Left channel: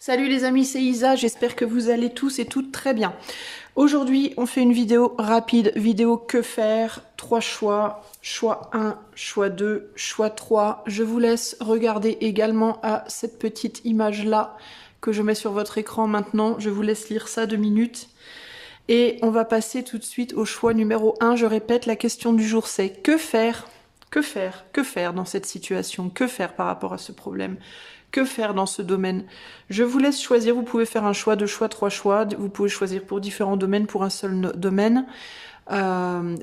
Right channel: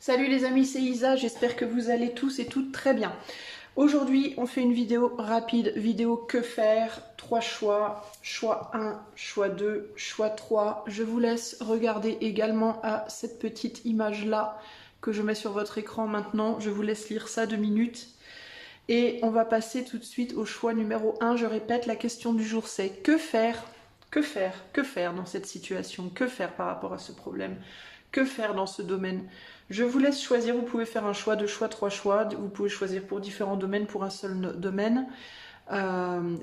Salut les amis, c'est Isa, j'espère que vous allez tous et toutes très bien. Aujourd'hui, on fait une vidéo rapide, vidéo que faire, 3 choix, choix 1, choix 2, choix 3. Je vous laisse regarder également à cette petite image-là que je mets sur votre écran maintenant. Je vous laisse lire ça 2 minutes. Et on va passer tout de suite au choix numéro 1. Je répète, la question du jour c'est que faire? Que faire? Que faire dans cette situation? Que faire par rapport à ce problème? Que faire dans ce domaine? Je vous laisse choisir, vous pouvez faire un choix, 2 choix, 3 choix, vous pouvez choisir pour différents domaines, pour un seul domaine.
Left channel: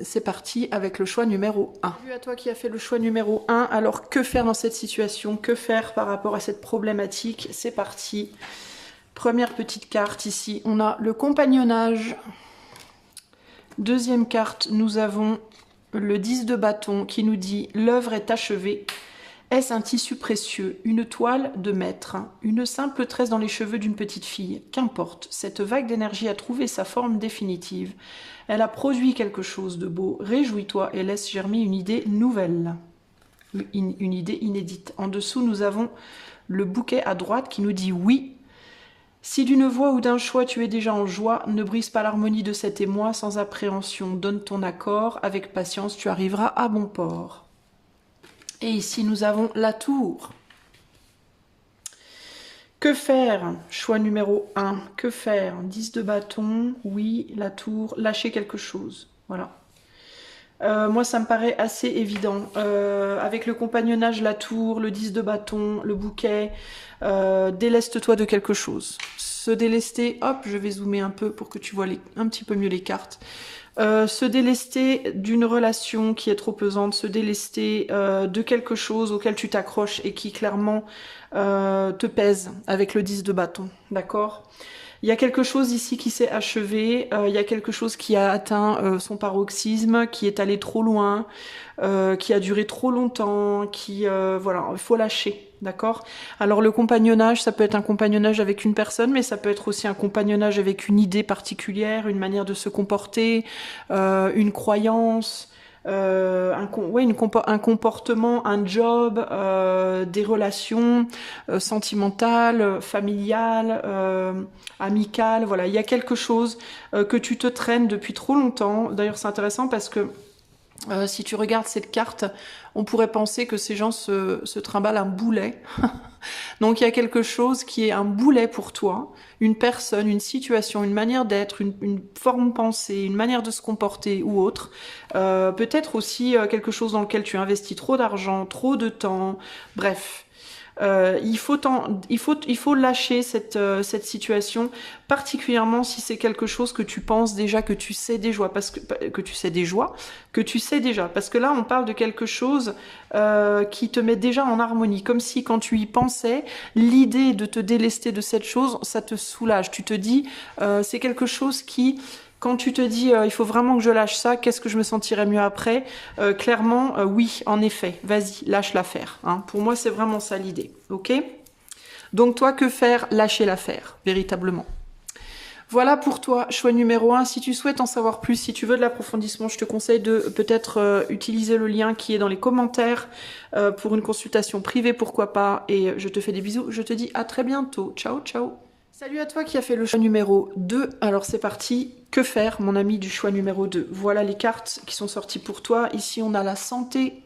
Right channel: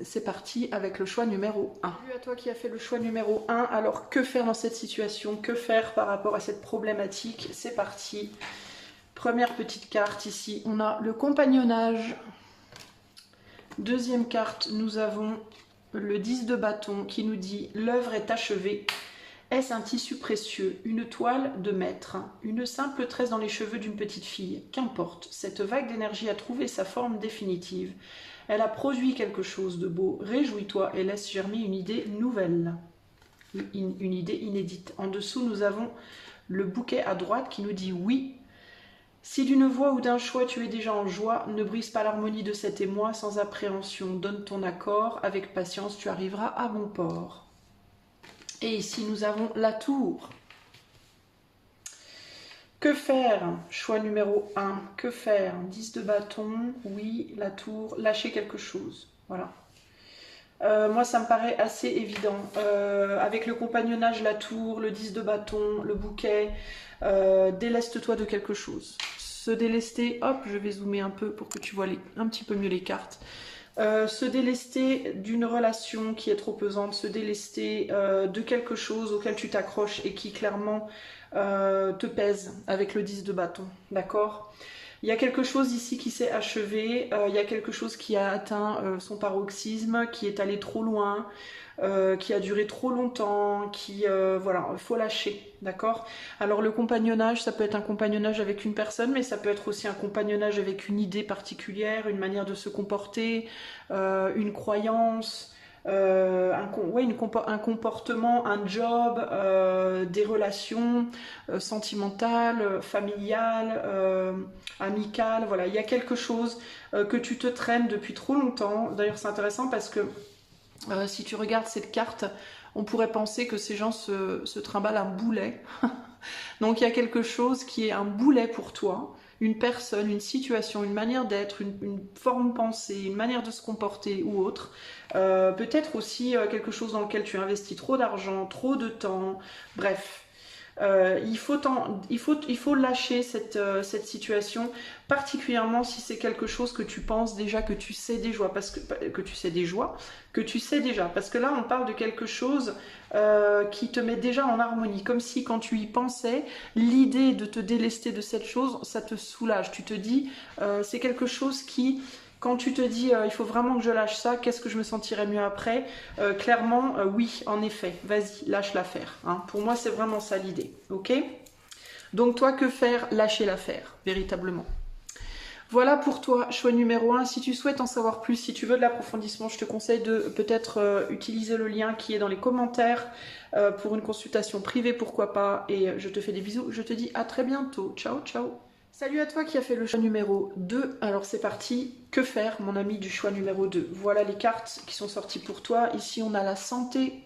C'est parti avec le choix numéro 1. Salut à toi qui as fait le choix numéro 1, alors que faire dans cette situation? Que faire par rapport à cette problématique? C'est parti. Première petite carte ici, on a le compagnonnage. Deuxième carte, nous avons le 10 de bâton qui nous dit « L'œuvre est achevée ». Est-ce un tissu précieux, une toile de maître, une simple tresse dans les cheveux d'une petite fille? Qu'importe, cette vague d'énergie a trouvé sa forme définitive. Elle a produit quelque chose de beau. Réjouis-toi et laisse germer une idée nouvelle, une idée inédite. En dessous, nous avons le bouquet à droite qui nous dit « Oui ». Si d'une voix ou d'un choix tu es déjà en joie, ne brise pas l'harmonie de cet émoi sans appréhension. Donne ton accord, avec patience tu arriveras à bon port. Et ici, nous avons la tour. Que faire? Choix numéro 1. Que faire? 10 de bâton. Oui, la tour. Lâcher quelque chose. Voilà. Moi, ça me paraît assez évident. Avec le compagnonnage, la tour, le 10 de bâton, le bouquet, déleste-toi de quelque chose. Se délester, hop, je vais zoomer un peu pour que tu vois un petit peu mieux les cartes. Se délester d'une relation qui est trop pesante, se délester de quelque chose auquel tu t'accroches et qui clairement te pèse avec le 10 de bâton, d'accord? Il y a quelque chose ici qui s'est achevé, il y a quelque chose qui a atteint son paroxysme, qui est allé trop loin, qui a duré trop longtemps, voilà, il faut lâcher, d'accord? Alors le compagnonnage, ça peut être un compagnonnage avec une personne, mais ça peut être aussi un compagnonnage avec une idée particulière, une manière de se comporter, une croyance, un comportement, un job, des relations sentimentales, familiales, amicales, voilà, il y a quelque chose que tu te traînes depuis trop longtemps. D'ailleurs c'est intéressant parce que si tu regardes cette carte, on pourrait penser que ces gens se trimballent un boulet. Donc il y a quelque chose qui est un boulet pour toi, une personne, une situation, une manière d'être, une forme de pensée, une manière de se comporter ou autre. Peut-être aussi quelque chose dans lequel tu investis trop d'argent, trop de temps, bref. Il faut lâcher cette situation, particulièrement si c'est quelque chose que tu penses déjà, que tu sais déjà, parce que là on parle de quelque chose qui te met déjà en harmonie, comme si quand tu y pensais, l'idée de te délester de cette chose, ça te soulage. Tu te dis, c'est quelque chose qui... Quand tu te dis il faut vraiment que je lâche ça, qu'est-ce que je me sentirais mieux après? Clairement, oui, en effet, vas-y, lâche l'affaire. Hein. Pour moi, c'est vraiment ça l'idée, ok? Donc toi, que faire? Lâcher l'affaire, véritablement. Voilà pour toi, choix numéro 1. Si tu souhaites en savoir plus, si tu veux de l'approfondissement, je te conseille de peut-être utiliser le lien qui est dans les commentaires pour une consultation privée, pourquoi pas. Et je te fais des bisous, je te dis à très bientôt. Ciao, ciao. Salut à toi qui a fait le choix numéro 2. Alors c'est parti. Que faire, mon ami du choix numéro 2? Voilà les cartes qui sont sorties pour toi. Ici, on a la santé.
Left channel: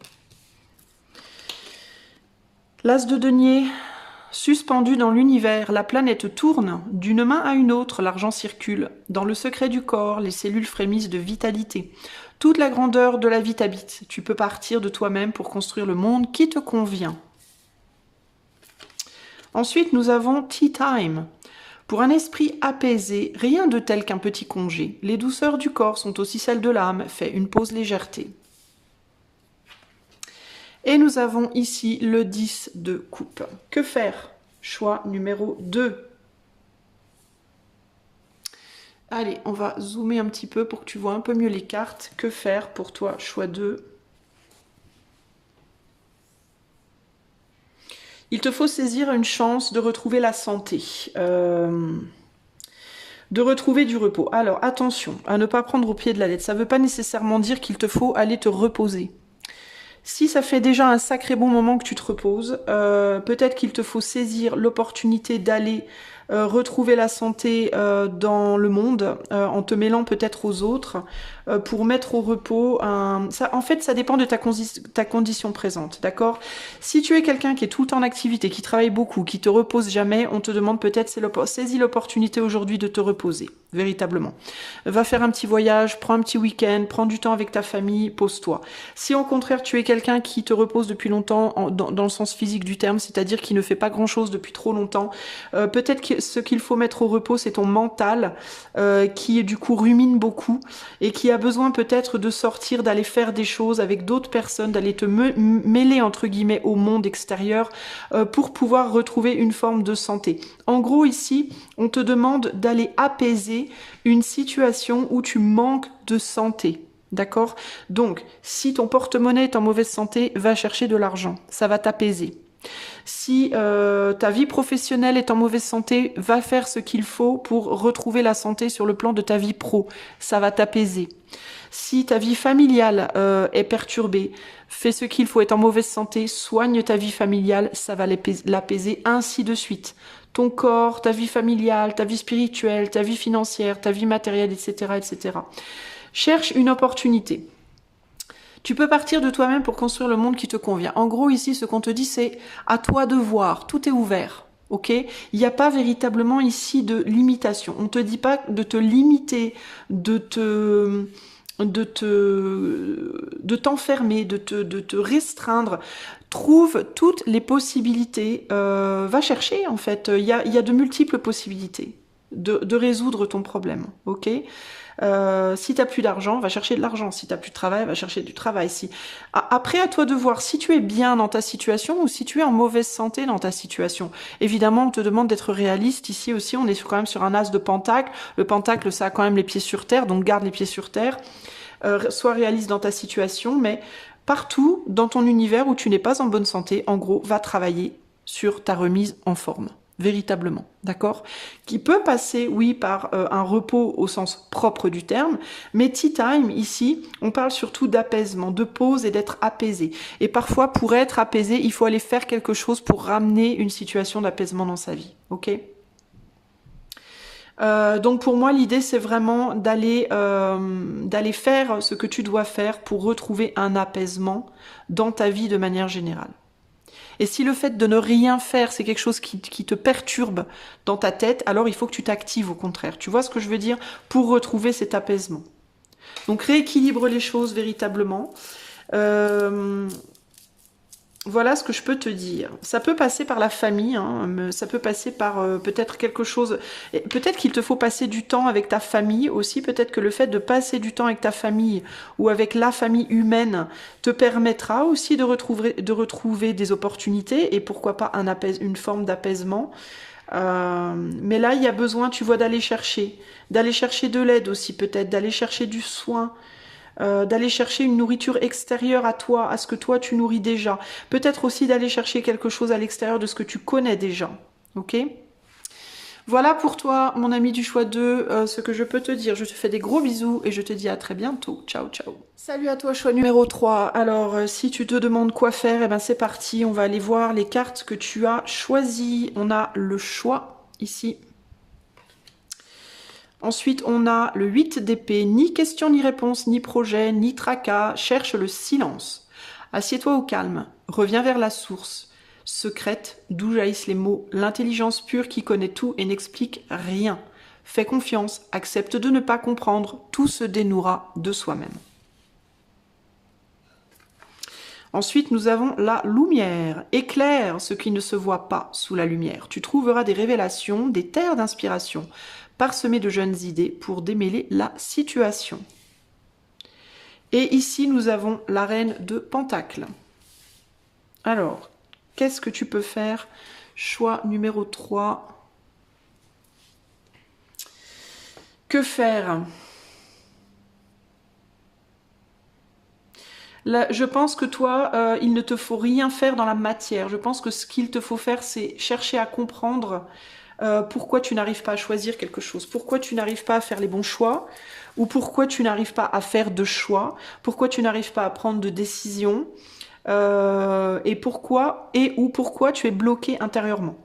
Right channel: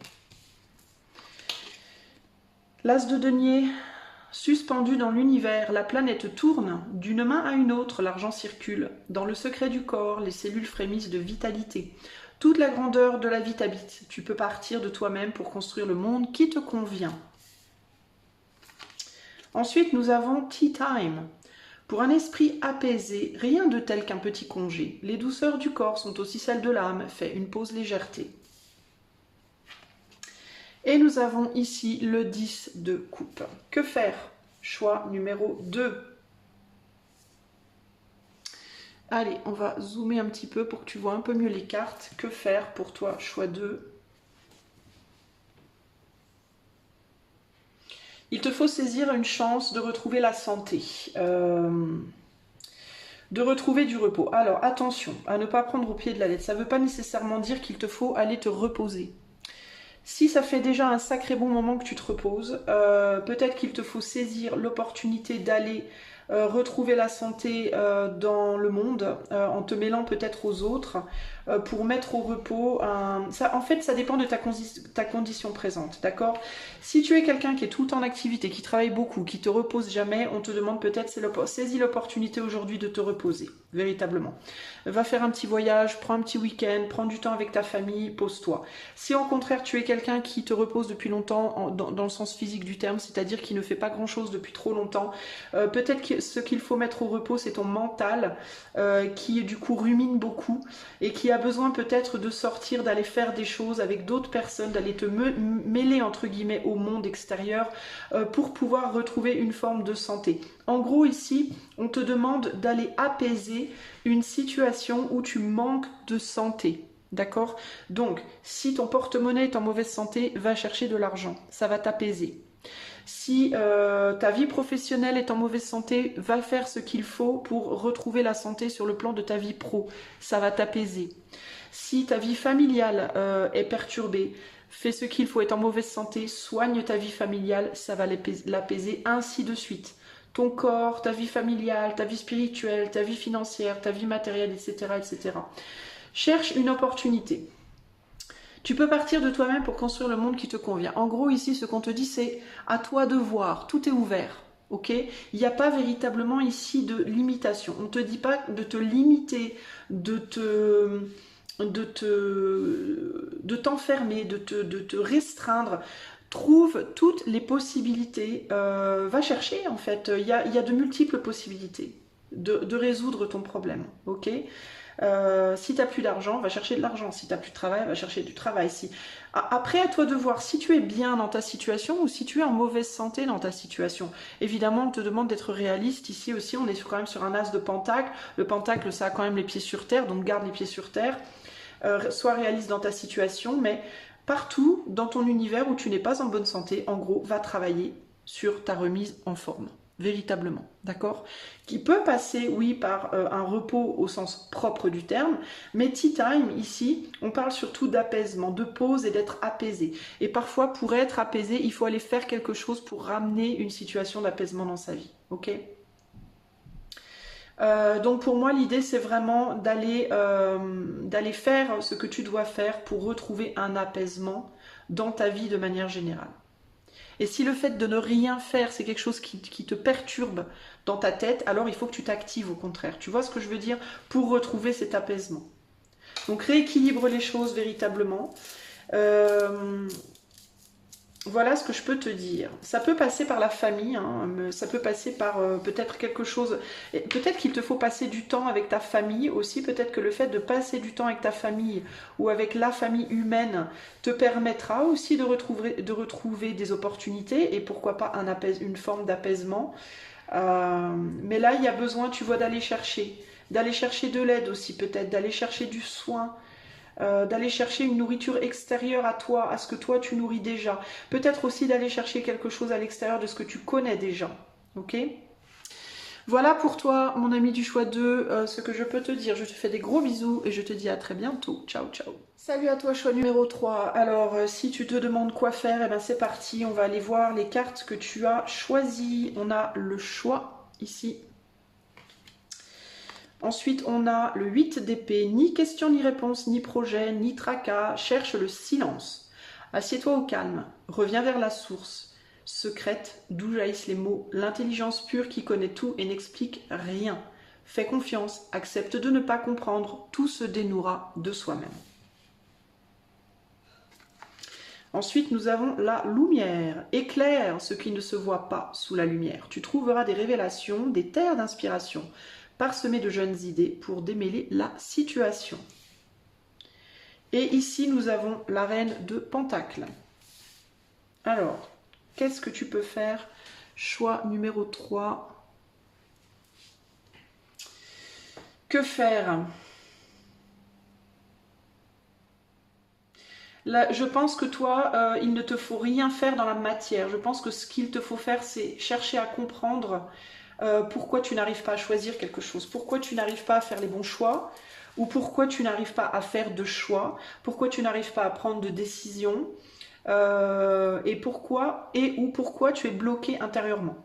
L'as de denier. Suspendu dans l'univers, la planète tourne. D'une main à une autre, l'argent circule. Dans le secret du corps, les cellules frémissent de vitalité. Toute la grandeur de la vie t'habite. Tu peux partir de toi-même pour construire le monde qui te convient. Ensuite, nous avons Tea Time. Pour un esprit apaisé, rien de tel qu'un petit congé. Les douceurs du corps sont aussi celles de l'âme. Fais une pause légèreté. Et nous avons ici le 10 de coupe. Que faire? Choix numéro 2. Allez, on va zoomer un petit peu pour que tu vois un peu mieux les cartes. Que faire pour toi? Choix 2. Il te faut saisir une chance de retrouver la santé, de retrouver du repos. Alors attention à ne pas prendre au pied de la lettre. Ça ne veut pas nécessairement dire qu'il te faut aller te reposer. Si ça fait déjà un sacré bon moment que tu te reposes, peut-être qu'il te faut saisir l'opportunité d'aller retrouver la santé dans le monde, en te mêlant peut-être aux autres, pour mettre au repos. En fait, ça dépend de ta condition présente, d'accord? Si tu es quelqu'un qui est tout le temps en activité, qui travaille beaucoup, qui te repose jamais, on te demande peut-être, saisis l'opportunité aujourd'hui de te reposer, véritablement. Va faire un petit voyage, prends un petit week-end, prends du temps avec ta famille, pose-toi. Si au contraire tu es quelqu'un qui te repose depuis longtemps, dans le sens physique du terme, c'est-à-dire qui ne fait pas grand-chose depuis trop longtemps, peut-être que ce qu'il faut mettre au repos, c'est ton mental, qui du coup rumine beaucoup et qui a besoin peut-être de sortir, d'aller faire des choses avec d'autres personnes, d'aller te mêler entre guillemets au monde extérieur, pour pouvoir retrouver une forme de santé. En gros ici, on te demande d'aller apaiser une situation où tu manques de santé. D'accord? Donc, si ton porte-monnaie est en mauvaise santé, va chercher de l'argent. Ça va t'apaiser. Si ta vie professionnelle est en mauvaise santé, va faire ce qu'il faut pour retrouver la santé sur le plan de ta vie pro. Ça va t'apaiser. Si ta vie familiale est perturbée, fais ce qu'il faut, être en mauvaise santé, soigne ta vie familiale, ça va l'apaiser, ainsi de suite. Ton corps, ta vie familiale, ta vie spirituelle, ta vie financière, ta vie matérielle, etc., etc. Cherche une opportunité. Tu peux partir de toi-même pour construire le monde qui te convient. En gros, ici, ce qu'on te dit, c'est à toi de voir. Tout est ouvert. Ok? Il n'y a pas véritablement ici de limitation. On ne te dit pas de te limiter, de t'enfermer, de te restreindre. Trouve toutes les possibilités. Va chercher, en fait. Il y a de multiples possibilités de résoudre ton problème. Ok? Si tu n'as plus d'argent, va chercher de l'argent. Si tu n'as plus de travail, va chercher du travail. Après, à toi de voir si tu es bien dans ta situation ou si tu es en mauvaise santé dans ta situation. Évidemment, on te demande d'être réaliste. Ici aussi, on est quand même sur un as de pentacle. Le pentacle, ça a quand même les pieds sur terre, donc garde les pieds sur terre. Sois réaliste dans ta situation, mais partout dans ton univers où tu n'es pas en bonne santé, en gros, va travailler sur ta remise en forme. Véritablement, d'accord? Qui peut passer, oui, par un repos au sens propre du terme, mais tea time, ici, on parle surtout d'apaisement, de pause et d'être apaisé. Et parfois, pour être apaisé, il faut aller faire quelque chose pour ramener une situation d'apaisement dans sa vie, ok? Donc pour moi, l'idée, c'est vraiment d'aller faire ce que tu dois faire pour retrouver un apaisement dans ta vie de manière générale. Et si le fait de ne rien faire, c'est quelque chose qui te perturbe dans ta tête, alors il faut que tu t'actives au contraire. Tu vois ce que je veux dire? Pour retrouver cet apaisement. Donc rééquilibre les choses véritablement. Voilà ce que je peux te dire. Ça peut passer par la famille, hein, ça peut passer par peut-être quelque chose... Peut-être qu'il te faut passer du temps avec ta famille aussi. Peut-être que le fait de passer du temps avec ta famille ou avec la famille humaine te permettra aussi de retrouver des opportunités et pourquoi pas une forme d'apaisement. Mais là, il y a besoin, tu vois, d'aller chercher de l'aide aussi peut-être, d'aller chercher du soin. D'aller chercher une nourriture extérieure à toi, à ce que toi tu nourris déjà. Peut-être aussi d'aller chercher quelque chose à l'extérieur de ce que tu connais déjà. Ok? Voilà pour toi, mon ami du choix 2, ce que je peux te dire. Je te fais des gros bisous et je te dis à très bientôt. Ciao, ciao. Salut à toi, choix numéro 3. Alors, si tu te demandes quoi faire, eh ben c'est parti. On va aller voir les cartes que tu as choisies. On a le choix ici. Ensuite, on a le 8 d'épée, ni question, ni réponse, ni projet, ni tracas, cherche le silence. Assieds-toi au calme, reviens vers la source, secrète, d'où jaillissent les mots, l'intelligence pure qui connaît tout et n'explique rien. Fais confiance, accepte de ne pas comprendre, tout se dénouera de soi-même. Ensuite, nous avons la lumière. Éclaire ce qui ne se voit pas sous la lumière. Tu trouveras des révélations, des terres d'inspiration, parsemé de jeunes idées pour démêler la situation. Et ici, nous avons la reine de Pentacle. Alors, qu'est-ce que tu peux faire? Choix numéro 3. Que faire? Là, je pense que toi, il ne te faut rien faire dans la matière. Je pense que ce qu'il te faut faire, c'est chercher à comprendre pourquoi tu n'arrives pas à choisir quelque chose, pourquoi tu n'arrives pas à faire les bons choix, ou pourquoi tu n'arrives pas à faire de choix, pourquoi tu n'arrives pas à prendre de décision, et pourquoi tu es bloqué intérieurement.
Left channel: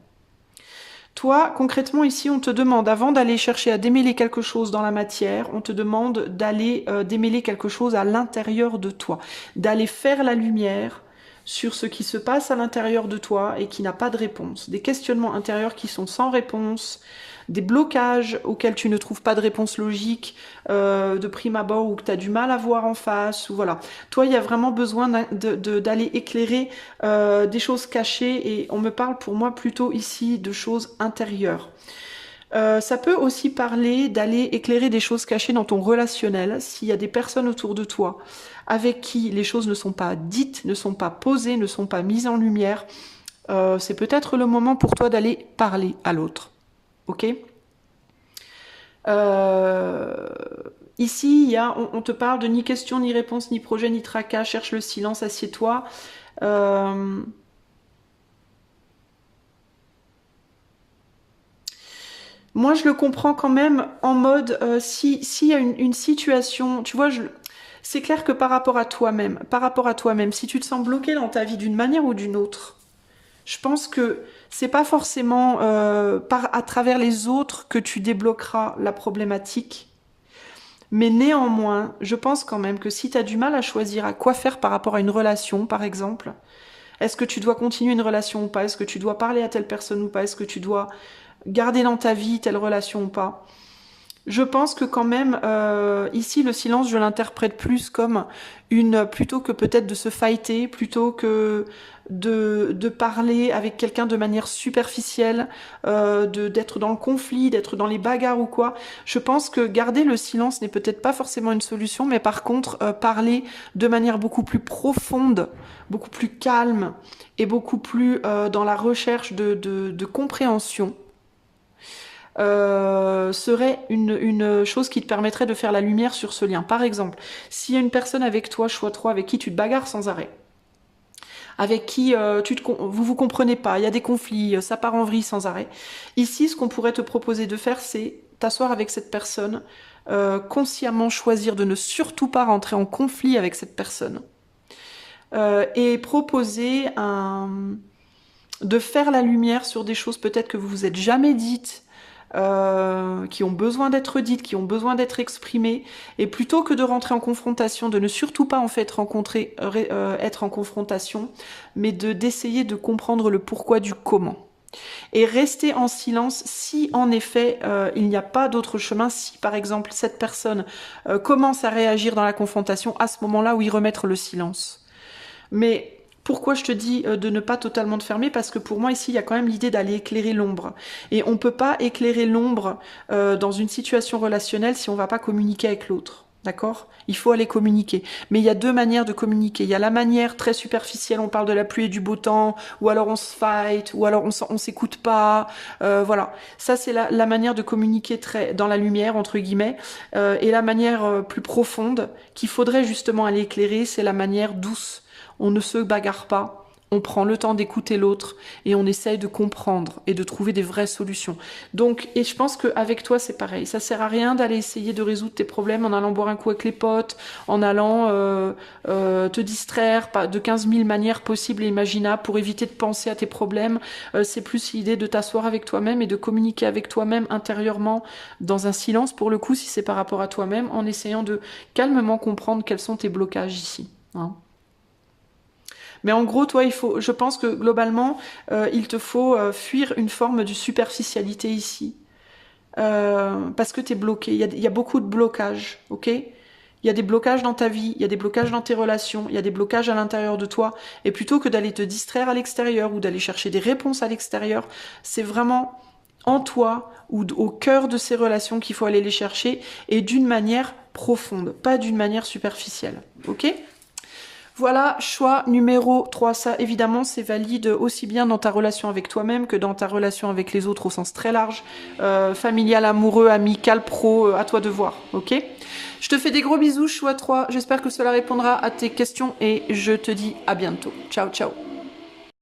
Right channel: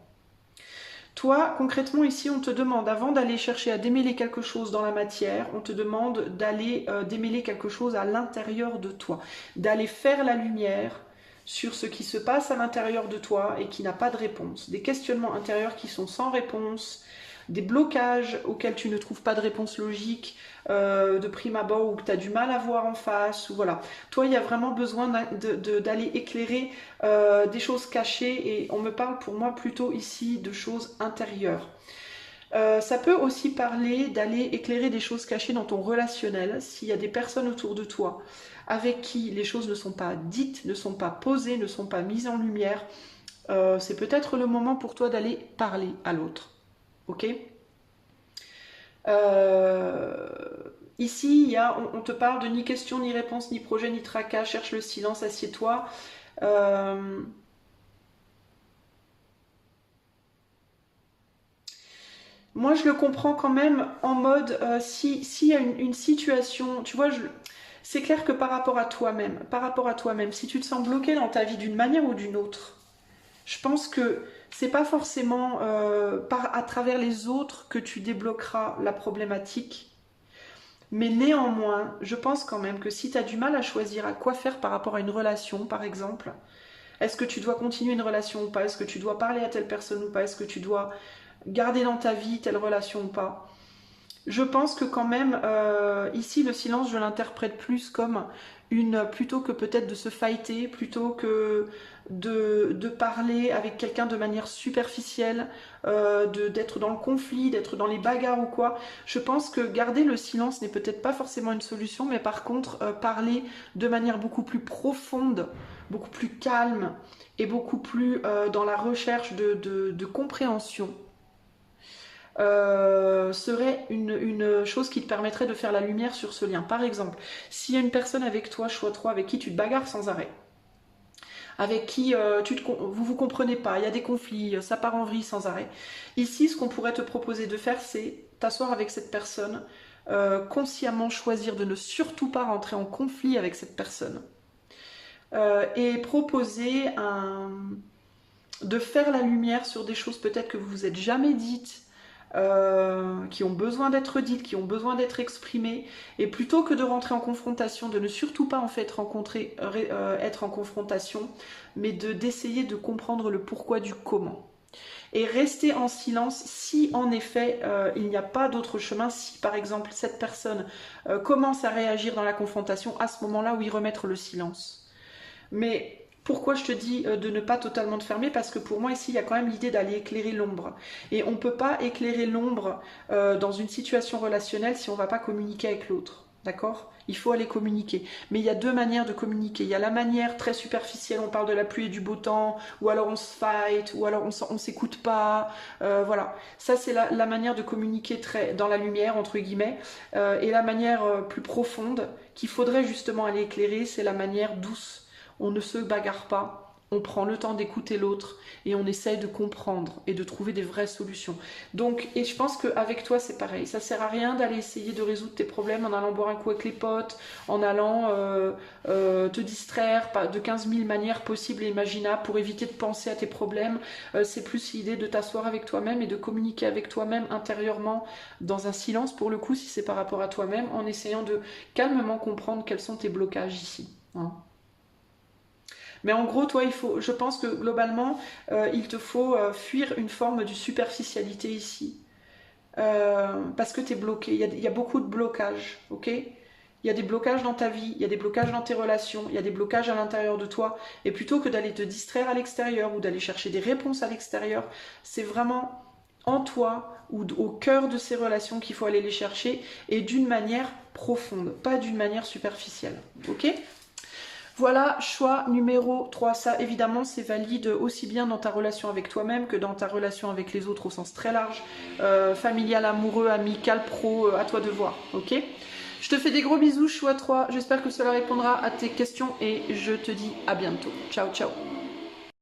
Toi, concrètement, ici, on te demande, avant d'aller chercher à démêler quelque chose dans la matière, on te demande d'aller démêler quelque chose à l'intérieur de toi, d'aller faire la lumière sur ce qui se passe à l'intérieur de toi et qui n'a pas de réponse. Des questionnements intérieurs qui sont sans réponse, des blocages auxquels tu ne trouves pas de réponse logique de prime abord ou que tu as du mal à voir en face. Ou voilà. Toi, il y a vraiment besoin d'aller éclairer des choses cachées et on me parle pour moi plutôt ici de choses intérieures. Ça peut aussi parler d'aller éclairer des choses cachées dans ton relationnel, s'il y a des personnes autour de toi avec qui les choses ne sont pas dites, ne sont pas posées, ne sont pas mises en lumière. C'est peut-être le moment pour toi d'aller parler à l'autre. Ok. Ici, on te parle de ni question, ni réponse, ni projet, ni tracas. Cherche le silence, assieds-toi. Moi, je le comprends quand même en mode, s'il y a une situation, tu vois, c'est clair que par rapport à toi-même, si tu te sens bloqué dans ta vie d'une manière ou d'une autre, je pense que c'est pas forcément à travers les autres que tu débloqueras la problématique. Mais néanmoins, je pense quand même que si tu as du mal à choisir à quoi faire par rapport à une relation, par exemple, est-ce que tu dois continuer une relation ou pas? Est-ce que tu dois parler à telle personne ou pas? Est-ce que tu dois garder dans ta vie telle relation ou pas? Je pense que quand même, ici, le silence, je l'interprète plus comme plutôt que peut-être de se fighter, plutôt que de parler avec quelqu'un de manière superficielle, d'être dans le conflit, d'être dans les bagarres ou quoi. Je pense que garder le silence n'est peut-être pas forcément une solution, mais par contre, parler de manière beaucoup plus profonde, beaucoup plus calme et beaucoup plus dans la recherche de compréhension serait une chose qui te permettrait de faire la lumière sur ce lien. Par exemple, s'il y a une personne avec toi, choix 3, avec qui tu te bagarres sans arrêt, avec qui vous comprenez pas, il y a des conflits, ça part en vrille sans arrêt. Ici, ce qu'on pourrait te proposer de faire, c'est t'asseoir avec cette personne, consciemment choisir de ne surtout pas rentrer en conflit avec cette personne, et proposer de faire la lumière sur des choses peut-être que vous vous êtes jamais dites, qui ont besoin d'être dites, qui ont besoin d'être exprimées, et plutôt que de rentrer en confrontation, de ne surtout pas en fait être en confrontation, mais d'essayer de comprendre le pourquoi du comment. Et rester en silence si en effet il n'y a pas d'autre chemin, si par exemple cette personne commence à réagir dans la confrontation, à ce moment-là, oui, remettre le silence. Mais pourquoi je te dis de ne pas totalement te fermer? Parce que pour moi ici il y a quand même l'idée d'aller éclairer l'ombre. Et on ne peut pas éclairer l'ombre dans une situation relationnelle si on ne va pas communiquer avec l'autre. D'accord? Il faut aller communiquer. Mais il y a deux manières de communiquer. Il y a la manière très superficielle, on parle de la pluie et du beau temps, ou alors on se fight, ou alors on s'écoute pas. Voilà. Ça, c'est la manière de communiquer très dans la lumière, entre guillemets. Et la manière plus profonde qu'il faudrait justement aller éclairer, c'est la manière douce. On ne se bagarre pas, on prend le temps d'écouter l'autre et on essaye de comprendre et de trouver des vraies solutions. Donc, et je pense qu'avec toi c'est pareil, ça sert à rien d'aller essayer de résoudre tes problèmes en allant boire un coup avec les potes, en allant te distraire de 15 000 manières possibles et imaginables pour éviter de penser à tes problèmes. C'est plus l'idée de t'asseoir avec toi-même et de communiquer avec toi-même intérieurement dans un silence pour le coup si c'est par rapport à toi-même, en essayant de calmement comprendre quels sont tes blocages ici. Hein. Mais en gros, toi, je pense que globalement, il te faut fuir une forme de superficialité ici. Parce que tu es bloqué. Il y a beaucoup de blocages, ok? Il y a des blocages dans ta vie, il y a des blocages dans tes relations, il y a des blocages à l'intérieur de toi. Et plutôt que d'aller te distraire à l'extérieur ou d'aller chercher des réponses à l'extérieur, c'est vraiment en toi ou au cœur de ces relations qu'il faut aller les chercher et d'une manière profonde, pas d'une manière superficielle, ok? Voilà, choix numéro 3. Ça, évidemment, c'est valide aussi bien dans ta relation avec toi-même que dans ta relation avec les autres au sens très large. Familial, amoureux, amical, pro, à toi de voir, ok? Je te fais des gros bisous, choix 3. J'espère que cela répondra à tes questions et je te dis à bientôt. Ciao, ciao.